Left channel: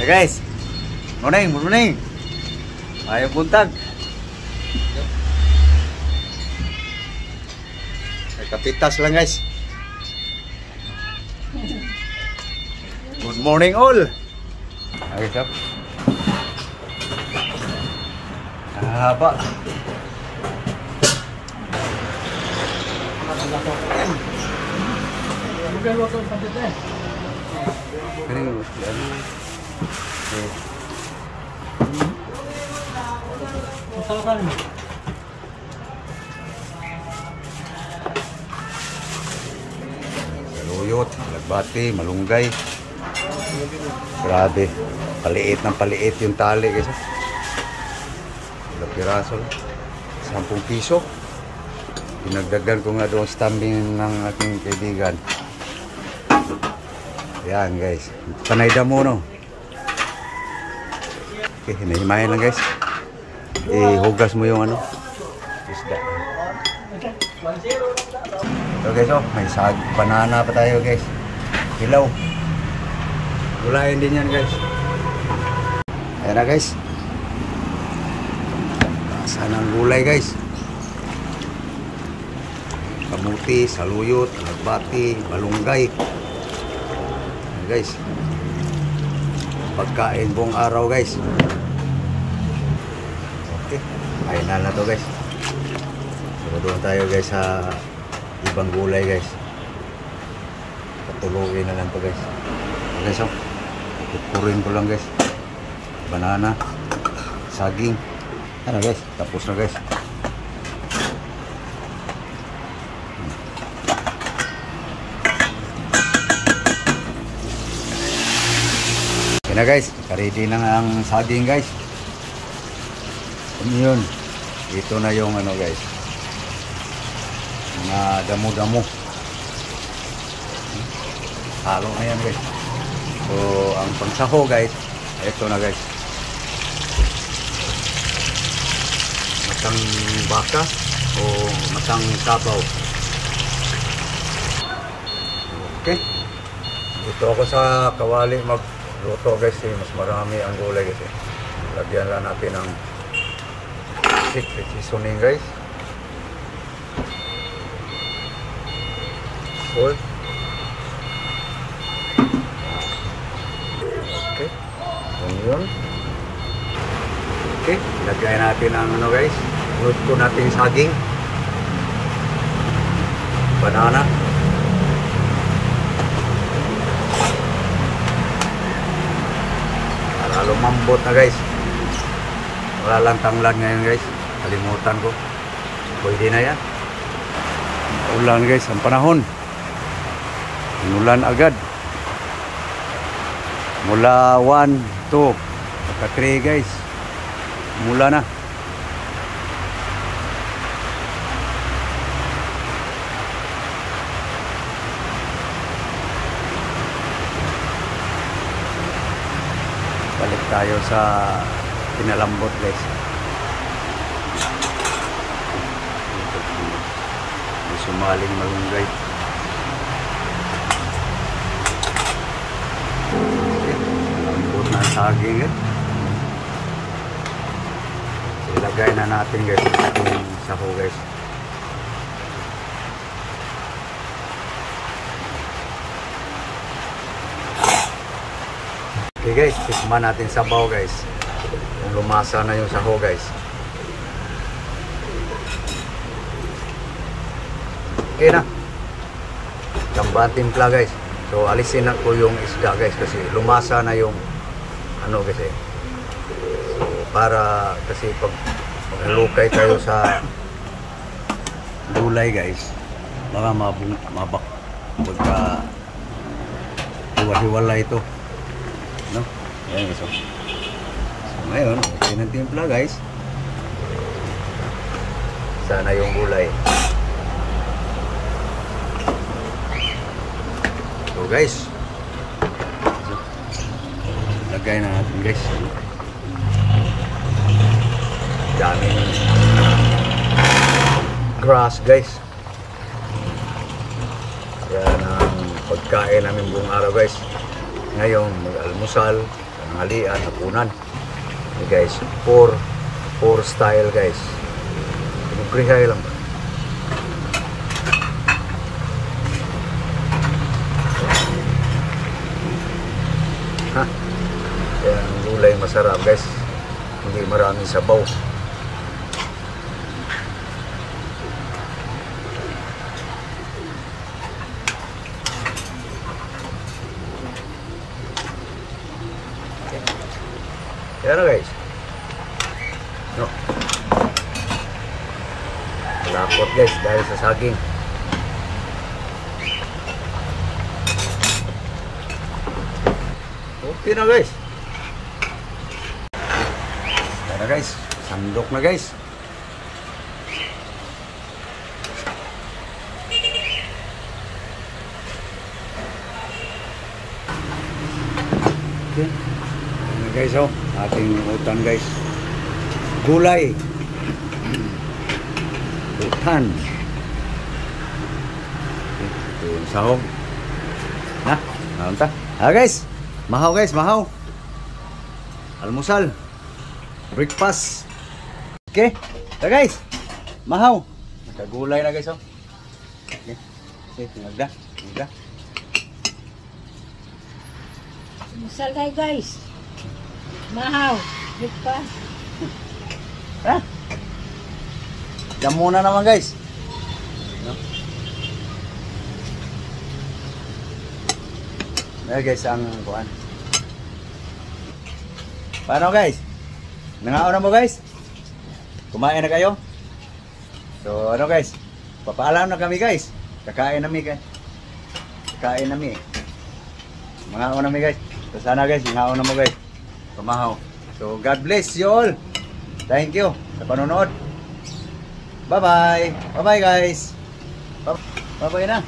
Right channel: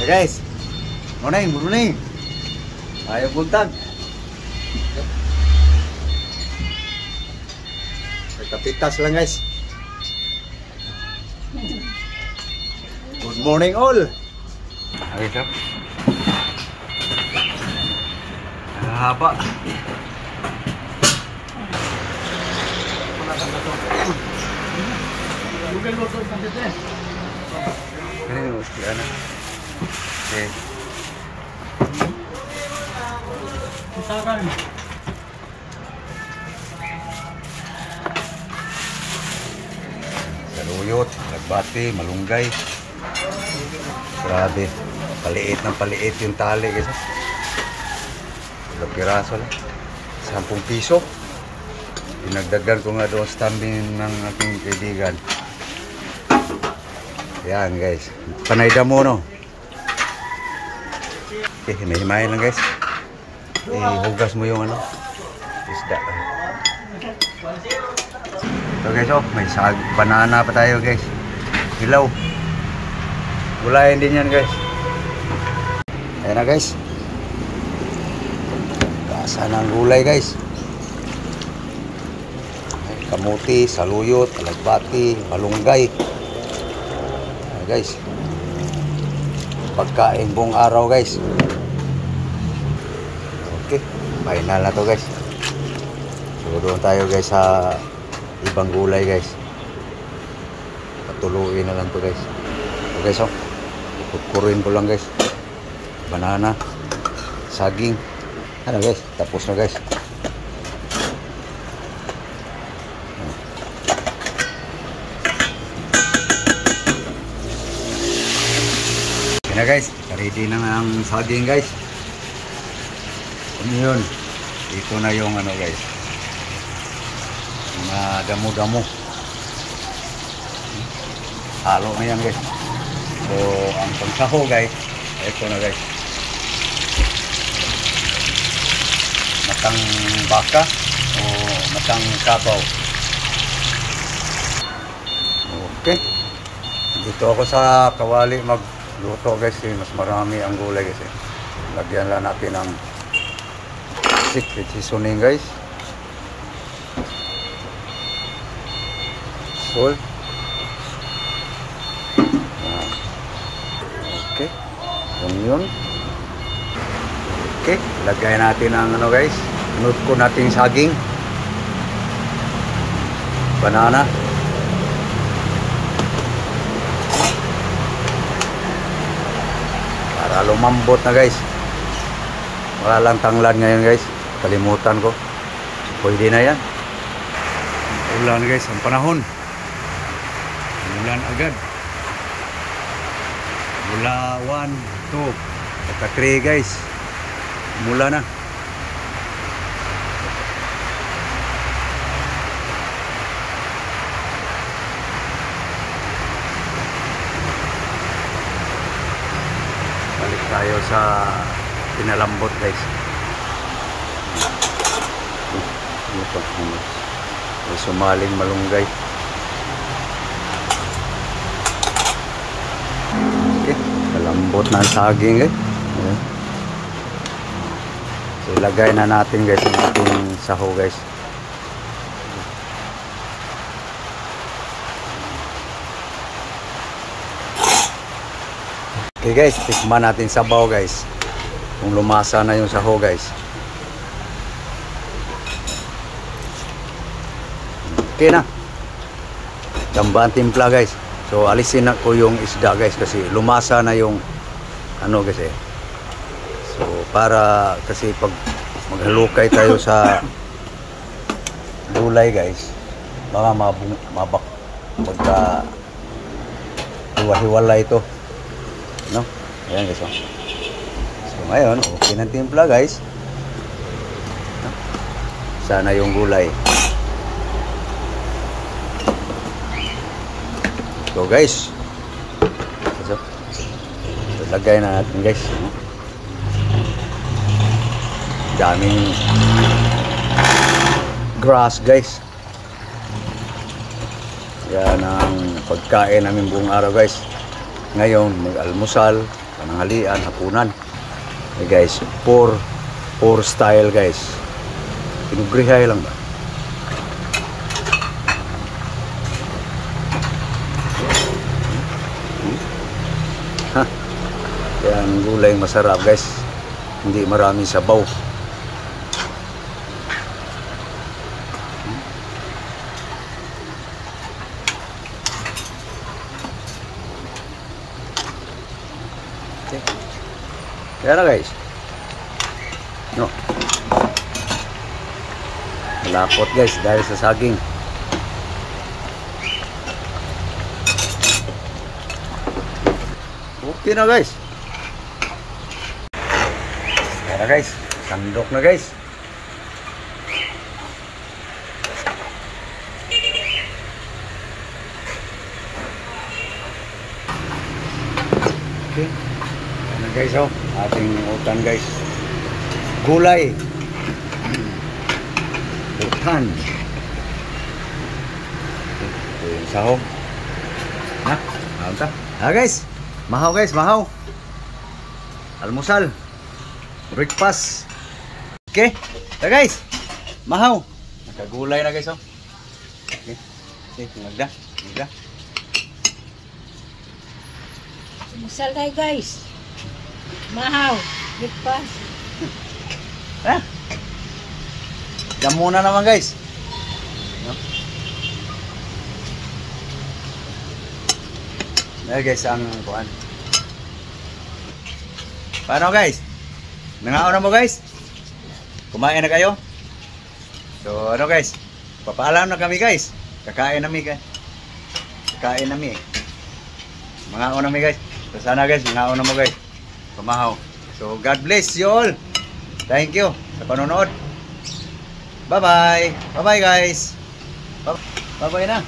Hey guys, morning, good morning. Ayong buntag. May kapitas lang guys. Good morning all. Okay sir. Haba. Kaya yan. Okay. Saluyot, lagbati, malunggay. Grabe, paliit ng paliit yung tali guys. Ilang piraso lang, 10 piso. Dinagdagan ko nga doon sa tambing ng aking kaibigan. Yan guys, panay damo no. Okay, hinahimayin lang guys. Ihugas mo yung ano, isda. So guys, oh, may banana pa tayo guys. Hilaw. Gulayan din yan guys. Ayan na guys. Kasa ng gulay guys. Kamuti, saluyot, alagbati, malunggay. Ayan guys. Pagkain buong araw guys. Okay, final na to guys. So doon tayo guys sa ibang gulay guys. Patuluin na lang to guys. So guys, oh, kukurin ko lang guys. Banana, saging. Ano guys, tapos na guys. Okay na guys, ready na ang saging guys. Yun, ito na yung ano guys, mga damo-damo. Halo na yan guys. So ang pangsaho guys, ito na guys, matang baka o matang kabaw. Okay, dito ako sa kawali magluto guys, mas marami ang gulay kasi. Lagyan lang natin ng secret seasoning guys. Salt. Okay, onion. Okay, lagay natin ang ano guys, nut ko natin saging, banana, para lumambot na guys. Walang tanglan ngayon guys, kalimutan ko. Pwede na yan. Ulan guys, ang panahon, ulan agad. Mula 1, 2, pagka 3 guys, mula na. Balik tayo sa pinalambot guys. May sumaling malunggay. Okay, malambot na saging guys. Ilagay na natin guys ang ating saho guys. Okay guys, tikman natin sabaw guys. Kung lumasa na yung saho guys. Okay na. Gamba ang timpla guys. So alisin na ko yung isda guys kasi lumasa na yung ano kasi. So para kasi pag maghalukay tayo sa gulay guys, baka pagka hiwa-hiwala ito, no? Ayan guys, oh. So ngayon okay ng timpla guys. Sana yung gulay. So guys, so lagay na natin guys, no? Daming grass guys. Yan ang pagkain namin buong araw guys. Ngayon mag-almusal, pananghalian, hapunan. Guys, poor style guys. Pinibrihay lang. Ha? Yan gulay masarap guys. Hindi maraming sabaw. Yan na guys. No. Lapot guys dahil sa saging. Okay na guys. Yan na guys. Sandok na guys. Okay. Yan na guys oh. Ating utan guys. Gulay. Utan. Okay. Ito yung sahog. Na. Mahal ta. Guys. Mahaw guys. Mahaw. Almusal. Breakfast. Okay. Ito guys. Mahaw. Nakagulay na guys oh. Okay. Okay. Tingnan. Tingnan. Masal tayo guys. Mahaw. Breakfast. Ha? Yan muna naman guys. No? Yan guys ang kuhan. Paano guys? Nangaon na mo guys? Kumain na kayo? So ano guys? Papaalam na kami guys. Kakain nami guys. Kakain nami. Mangaon nami guys. So sana guys, mangaon na mo guys. Pamahaw. So God bless you all. Thank you sa panonood. Bye-bye. Bye-bye guys. Bye-bye na.